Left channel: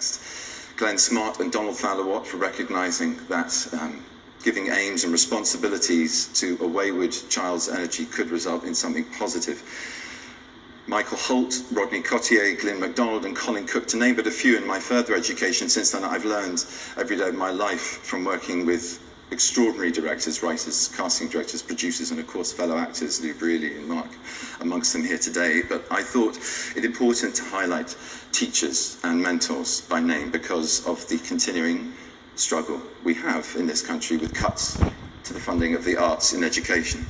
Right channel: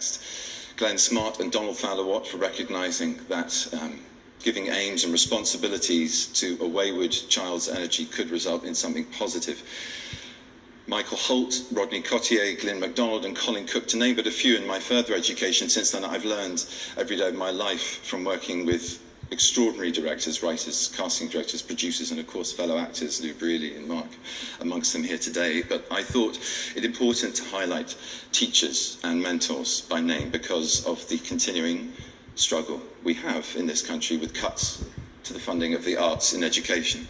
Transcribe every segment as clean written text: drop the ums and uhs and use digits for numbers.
context. Glenn Smart and Donald Fowler Watt for recognising that giving aims and responsibilities to a wayward child's energy could result in something positive. Michael Holt, Rodney Cottier, Glyn MacDonald and Colin Cook, to name but a few. In my further education since then, I've learned every day of my life from working with extraordinary directors, writers, casting directors, producers, and of course fellow actors, Lou Brealey and Mark, amongst them here today. But I thought it important to highlight teachers and mentors by name because of the continuing struggle we have in this country with cuts to the funding of the arts in education.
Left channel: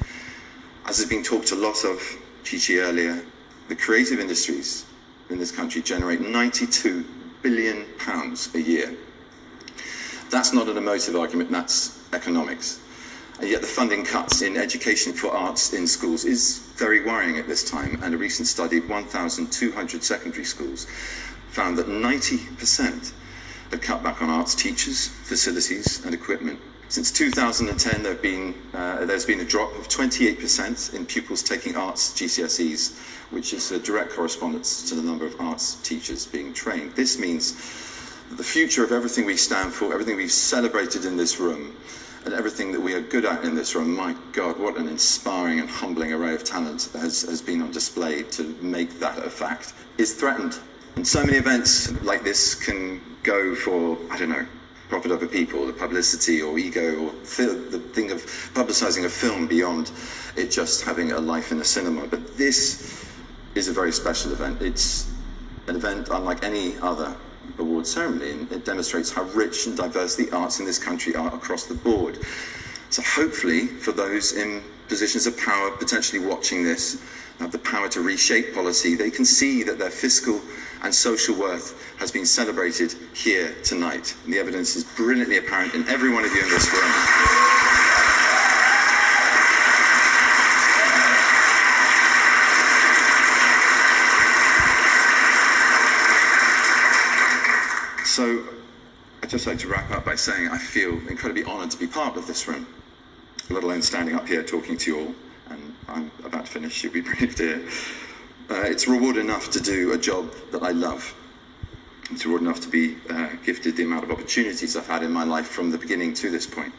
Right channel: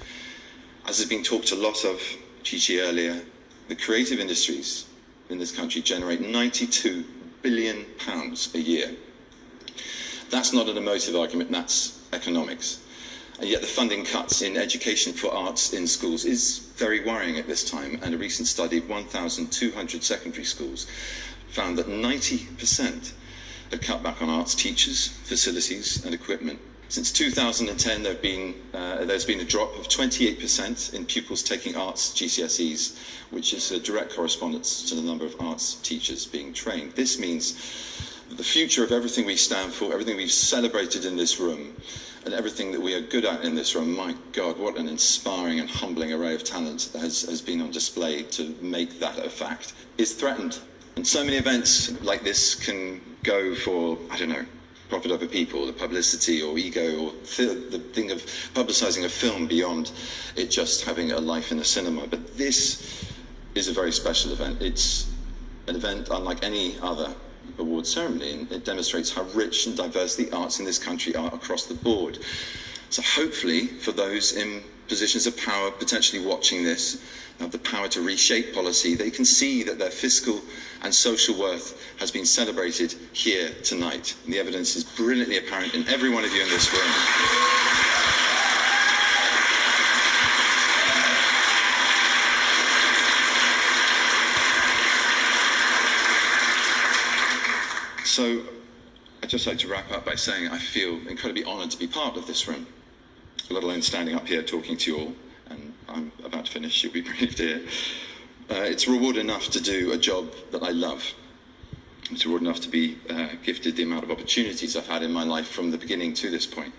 As has been talked a lot of, Chichi earlier, the creative industries in this country generate £92 billion a year. That's not an emotive argument, that's economics. And yet the funding cuts in education for arts in schools is very worrying at this time, and a recent study of 1,200 secondary schools found that 90% have cut back on arts teachers, facilities and equipment. Since 2010 there's been a drop of 28% in pupils taking arts GCSEs, which is a direct correspondence to the number of arts teachers being trained. This means that the future of everything we stand for, everything we've celebrated in this room, and everything that we are good at in this room, my God, what an inspiring and humbling array of talent has been on display to make that a fact, is threatened. And so many events like this can go for, I don't know, profit over people, the publicity or ego, or the thing of publicising a film beyond it just having a life in the cinema. But this is a very special event. It's an event unlike any other award ceremony, and it demonstrates how rich and diverse the arts in this country are across the board. So hopefully, for those in positions of power potentially watching this, have the power to reshape policy, they can see that their fiscal and social worth has been celebrated here tonight. And the evidence is brilliantly apparent in every one of you in this room. So I'd just like to wrap up by saying I feel incredibly honoured to be part of this room, let alone standing up here talking to you all. And I'm about to finish, you'll be briefed here. It's reward enough to do a job that I love. It's reward enough to be gifted the amount of opportunities I've had in my life from the beginning to this point.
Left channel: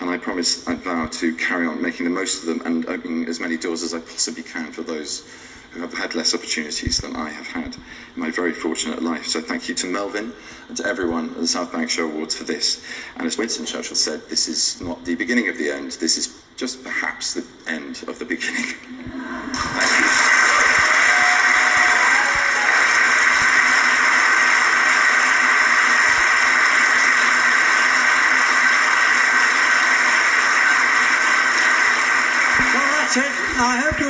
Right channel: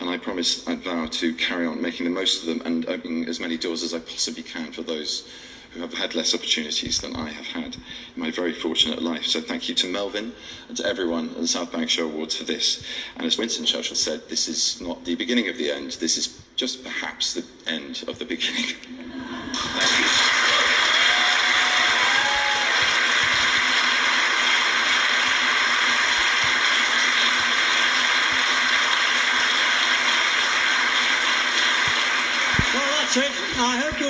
And I promise, I vow to carry on making the most of them and opening as many doors as I possibly can for those who have had less opportunities than I have had in my very fortunate life. So thank you to Melvin and to everyone at the South Bank Show Awards for this. And as Winston Churchill said, this is not the beginning of the end. This is just perhaps the end of the beginning. Thank you. Well, that's it. I hope you